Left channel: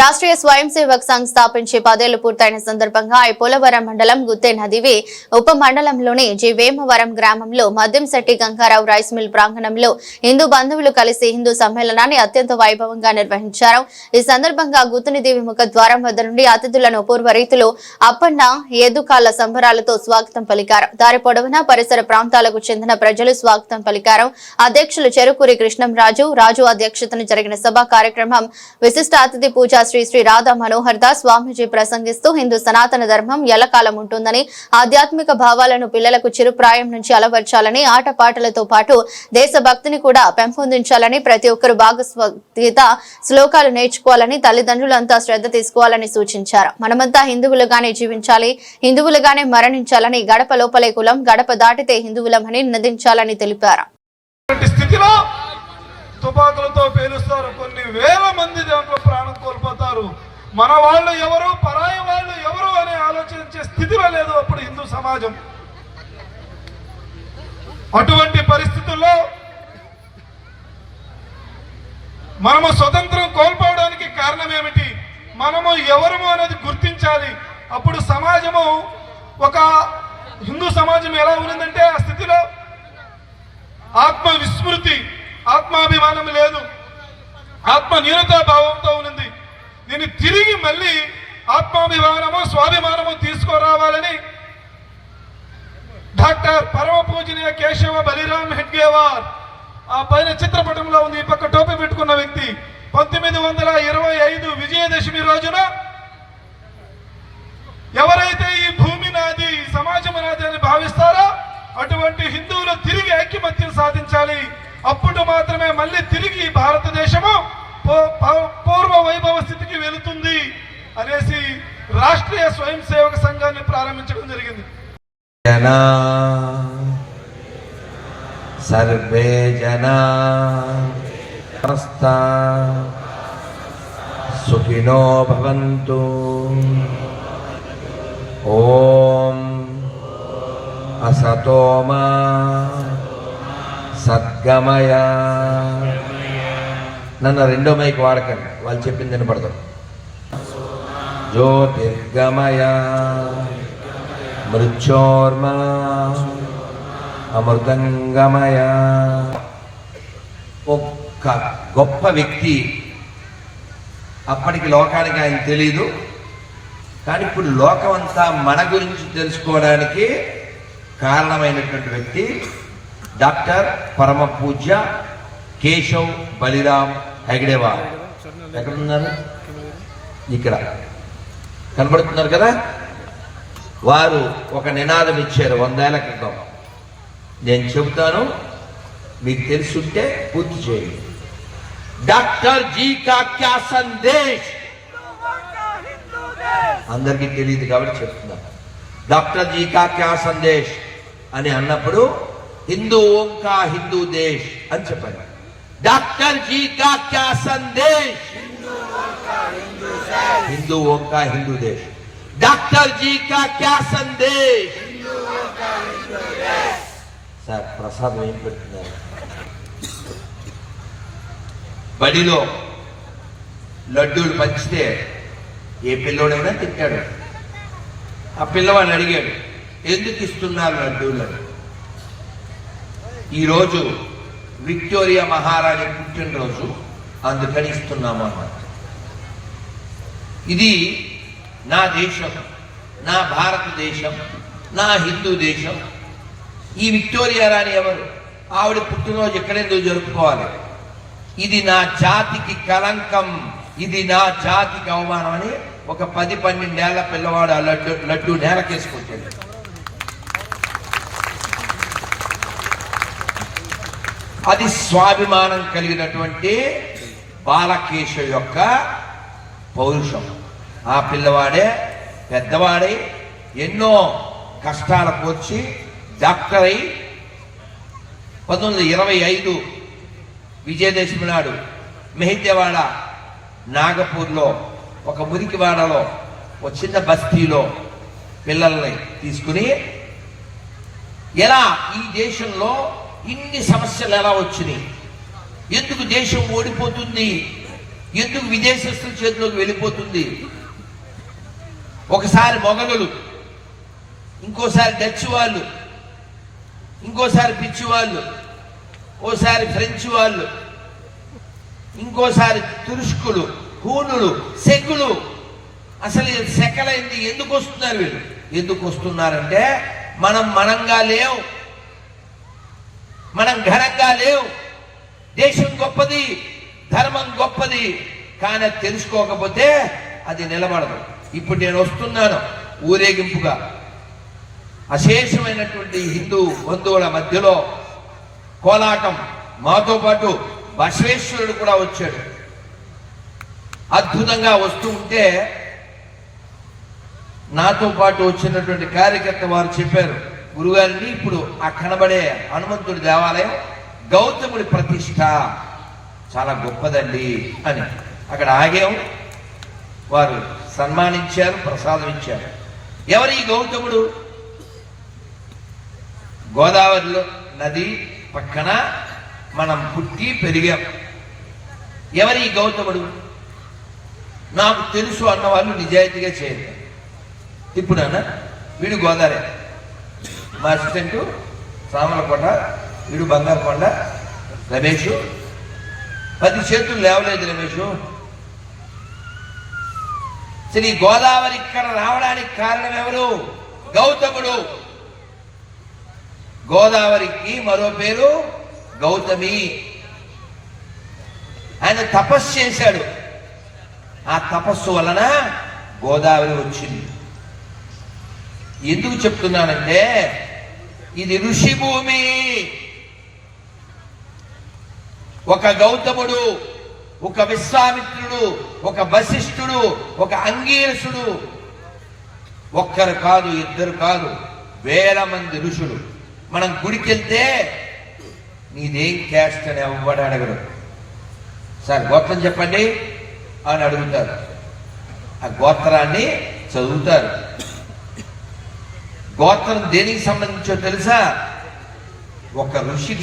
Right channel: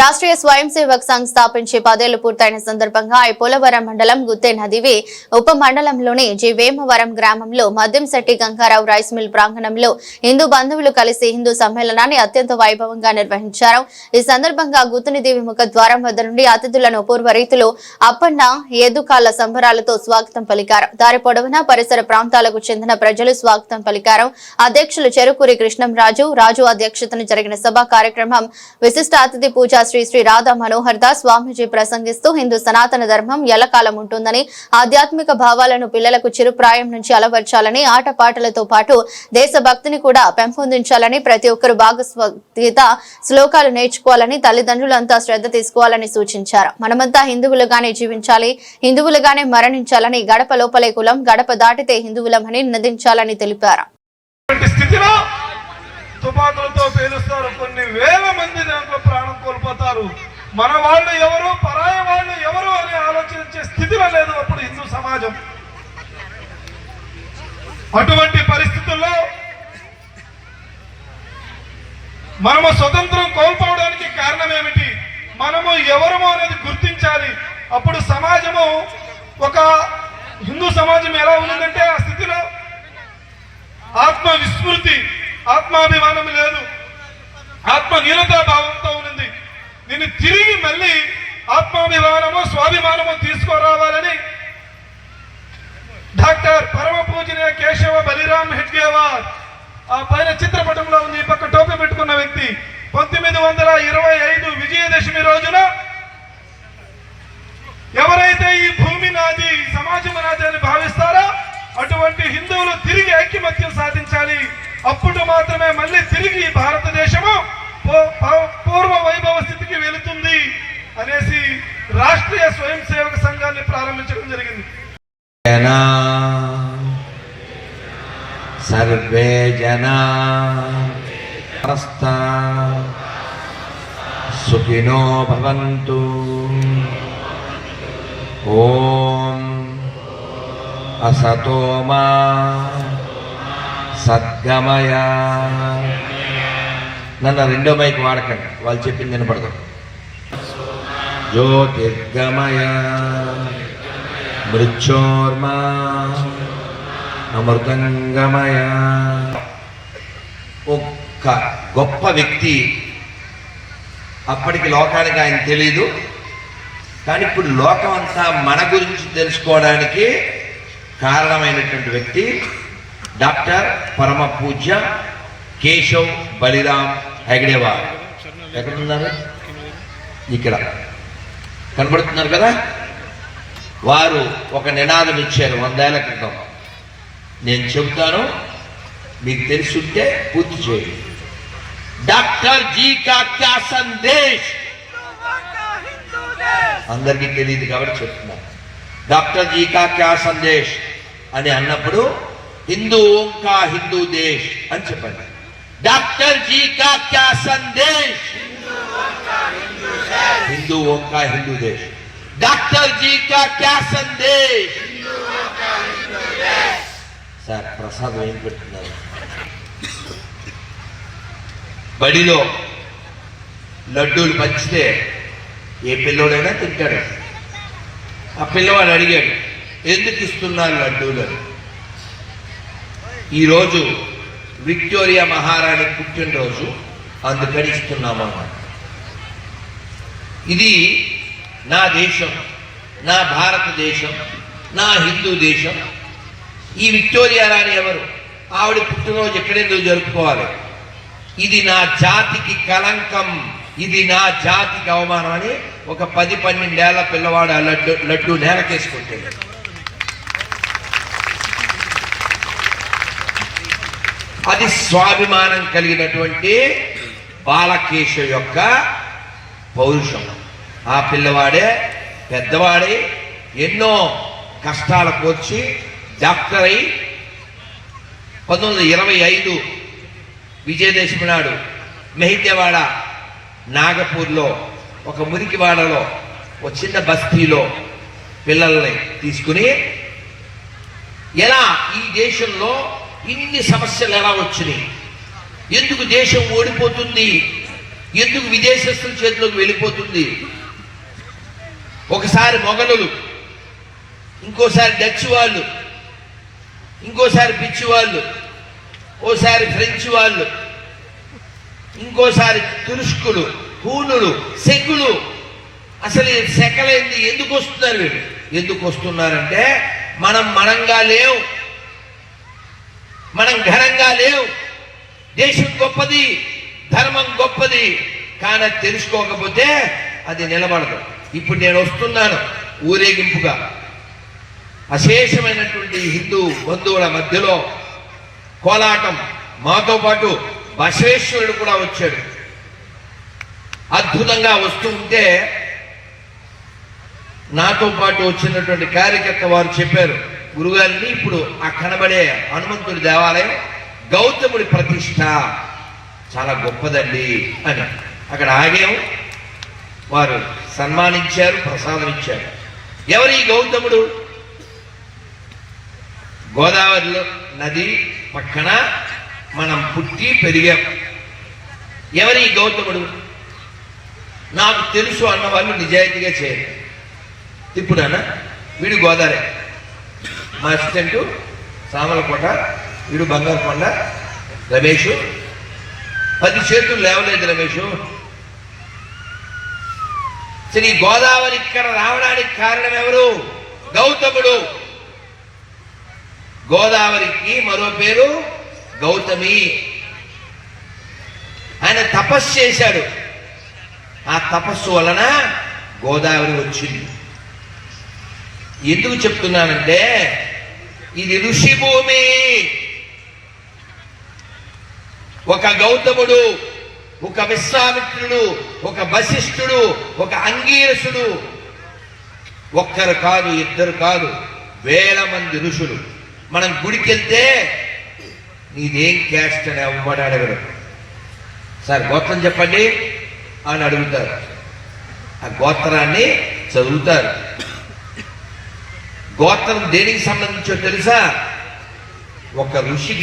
రాష్ట్రీయ స్వయం సేవక్ సంఘ్ స్థాపించి 10 ఏళ్లు పూర్తయిన సందర్భంగా పోలవరం మండలం గుత్తే నదివి ఉప మండలంలోని జి వేమవరం గ్రామంలో మద్యంశెట్టి గంగారావు రైస్ మిల్ ప్రాంగణంలో హిందూ బంధువులు కలిసి హిందూ సమ్మేళనాన్ని అత్యంత వైభవంగా నిర్వహించారు. ఈ సందర్భంగా గుత్తినిదేవి ముఖ ద్వారం వద్ద నుండి అతిథులను పూర్వ రీతిలో అప్పన్న ఏదుకాళ్ల సంబరాలతో స్వాగతం పలికారు. దారి పొడవునా పరిసర ప్రాంతాలకు చెందిన ప్రజలు స్వాగతం పలికారు. అధ్యక్షులు చెరుకూరి కృష్ణంరాజు రాజు అధ్యక్షతన జరిగిన సభా కార్యక్రమం విశిష్ట అతిథి పూజ శ్రీ శ్రీ రాధా మనోహర్ దాస్ స్వామీజీ ప్రసంగిస్తూ హిందూ సనాతన ధర్మం ఎల్లకాలం ఉంటుందని, ఆధ్యాత్మిక భావాలను పిల్లలకు చిరుప్రాయం నుంచి అలవర్చాలని, ఆటపాటలతో పాటు దేశభక్తిని కూడా పెంపొందించాలని, ప్రతి ఒక్కరు భాగవద్గీత శ్లోకాలు నేర్చుకోవాలని, తల్లిదండ్రులంతా శ్రద్ధ తీసుకోవాలని సూచించారు. మనమంతా హిందువులుగానే జీవించాలి, హిందువులుగానే మరణించాలని, గడప లోపలే కులం, గడప దాటితే హిందువులమని నినదించాలని తెలిపారు. తుపాకులతో పేలుస్తారు, కొన్ని వేల మంది దాంట్లో ప్రాణం కోల్పోతారు. మన వాళ్ళు ఎవరు, పరాయ వాళ్ళు ఎవరు అనే ఆలోచించే స్థితిలో లేదు అప్పుడు హిందూ సమాజం. అటువంటి పరిస్థితుల్లో మనము స్వతంత్రం కోల్పోవడానికి కారణం ఏమిటి, మనము ఎవరము అనేది గుర్తించాలి. అప్పుడు సమాజము, ఒక హిందూ సమాజం ఎలా ఉందంటే ఆ స్థితిలో ఆత్మ విస్మృతి, ఆత్మాభిమానం లేదు, ఆత్మ న్యూనతా భావంతో ఉంది. దీన్ని తిరిగి మళ్ళీ ఆత్మాభిమానము స్వాభిమానము తీసుకురావాలని డాక్టర్ పరమ పూజనీయ కేశవ బలిరామ్ హెడ్గేవార్, ఆ పైన చిత్రపటంలో ఉంది, ఈ పక్క టోపీ పెట్టుకున్న వ్యక్తి, 1925 విజయదశమి రోజున ఎవరైతే ఈ భూమి నాది, సమాజం నాది అని భావిస్తారో అటువంటి హిందువులు తిరిగి ఐక్యమత్యం సాధించాలి. అప్పుడు మాత్రమే మళ్ళీ తిరిగి భారతదేశము పూర్వ వైభవ స్థితికి వెళుతుంది అనేసి రాష్ట్రీయ స్వయం సేవక సంఘాన్ని ప్రారంభించడం జరిగింది. సర్వే జనా సుఖినో భవంతు. ఓం అసతో మా సద్గమయ. నన్ను రెండో మైక్ వాడకండి, వాళ్ళు చెప్పింది వినపడతారు. జ్యోతిర్గమయ మృత్యోర్మా అమృతంగమయ. ఒక్క గొప్ప వ్యక్తి, అప్పటికి లోకానికి ఆయన తెలీదు, కానీ ఇప్పుడు లోకం అంతా మన గురించి తెలుసుకోవడానికి కారణమైనటువంటి వ్యక్తి డాక్టర్ పరమ పూజ్య కేశవ్ బలిరామ్ హెగ్డేవార్. ఎక్కడున్నారు? ఇక్కడ కనబడుతున్నారు కదా. వారు ఒక నినాదం ఇచ్చారు 100 ఏళ్ల క్రితం. నేను చెబుతాను, మీకు తెలుసుంటే పూర్తి చేయండి. డాక్టర్ జీ కా క్యా సందేశ్. అందరికీ తెలియదు కాబట్టి చెప్తున్నాను. డాక్టర్ జీ కా క్యా సందేశ్ అని అన్నప్పుడు हिंदुओं का हिंदू देश అని చెప్పండి. డాక్టర్ జీ కా క్యా సందేశ్, हिंदुओं का हिंदू देश. డాక్టర్ జీ కా క్యా సందేశ్. సార్ ప్రసాదం ఏం పెడుతున్నారు? బడిలో లడ్డూలు పంచితే ఏ పిల్లవాడైనా తింటాడు. ఆ పిల్లవాడు అడిగాడు, ఎందుకు ఇస్తున్నారు లడ్డూలు? ఈరోజు విక్టోరియా మహారాణి పుట్టినరోజు, అందుకని ఇస్తున్నామన్నమాట. ఇది నా దేశం, నా భారతదేశం, నా హిందూ దేశం. ఈ విక్టోరియా రాణి ఎవరు? ఆవిడ పుట్టినరోజు ఎక్కడెందుకు జరుపుకోవాలి? ఇది నా జాతికి కలంకం, ఇది నా జాతికి అవమానం అని ఒక 10-12 ఏళ్ల పిల్లవాడు ఆ లడ్డు నేలకేసుకుంటాడు. అది స్వాభిమానం కలిగినటువంటి బాలకేశ యొక్క పౌరుషం. ఆ పిల్లవాడే పెద్దవాడే ఎన్నో కష్టాలకు వచ్చి డాక్టర్ అయి 1925 విజయదశమి నాడు మెహిద్యవాడ నాగపూర్లో ఒక మురికివాడలో ఒక చిన్న బస్తీలో పిల్లల్ని తీసుకుని, ఎలా ఈ దేశంలో ఇన్ని సమస్యలు ఎలా వచ్చినాయి, ఎందుకు దేశం ఓడిపోతుంది ఎందుకు విదేశస్తుల చేతిలోకి వెళ్ళిపోతుంది? ఒకసారి మొఘలులు, ఇంకోసారి డచ్ వాళ్ళు, ఇంకోసారి పిచ్చి వాళ్ళు, ఓసారి ఫ్రెంచ్ వాళ్ళు, ఇంకోసారి తురుష్కులు, హూనులు, సెగులు. అసలు సెకలైంది. ఎందుకు వస్తున్నారు వీళ్ళు? ఎందుకు వస్తున్నారంటే మనంగా లేవు, మనం ఘనంగా లేవు. దేశం గొప్పది, ధర్మం గొప్పది, కానీ తెలుసుకోకపోతే అది నిలబడదు. ఇప్పుడు నేను వస్తున్నాను ఊరేగింపుగా, అశేషమైనటువంటి హిందూ బంధువుల మధ్యలో కోలాటం. మాతో పాటు బసవేశ్వరుడు కూడా వచ్చాడు. అద్భుతంగా వస్తూ ఉంటే నాతో పాటు వచ్చినటువంటి కార్యకర్త వారు చెప్పారు, గురుగారిని ఇప్పుడు ఆ కనబడే హనుమంతుడి దేవాలయం గౌతముడి ప్రతిష్ట చాలా గొప్పదండి అని. అక్కడ ఆగాము, వారు సన్మానించారు, ప్రసాదం ఇచ్చారు. ఎవరు ఈ గౌతముడు? గోదావరిలో నది పక్కన మనం పుట్టి పెరిగాం. ఎవరు ఈ గౌతముడు? నాకు తెలుసు అన్న వాళ్ళు నిజాయితీగా చేయాలి. ఇప్పుడు అన్న వీడు గోదావరి, మా అసిస్టెంట్ సామలకొండ, వీడు బంగారుకొండ, రమేష్. 10 చేతులు లేవలేదు రమేష్. శ్రీ గోదావరి ఇక్కడ రావడానికి కారణం ఎవరు? గౌతముడు. గోదావరికి మరో పేరు గౌతమి. ఆయన తపస్సు చేశాడు. ఆ తపస్సు వలన గోదావరి వచ్చింది. ఎందుకు చెప్తున్నానంటే ఇది ఋషి భూమి. ఒక గౌతముడు, ఒక విశ్వామిత్రుడు, ఒక వశిష్ఠుడు, ఒక అంగీరసుడు, ఒక్కరు కాదు, ఇద్దరు కాదు, వేల మంది ఋషులు. మనం గుడికి వెళ్తే నీదేం క్యాస్ట్ అని ఎవ్వడు అడగడు. సార్ గోత్రం చెప్పండి అని అడుగుతారు. ఆ గోత్రాన్ని చదువుతారు. గోత్రం దేనికి సంబంధించో తెలుసా? ఒక ఋషి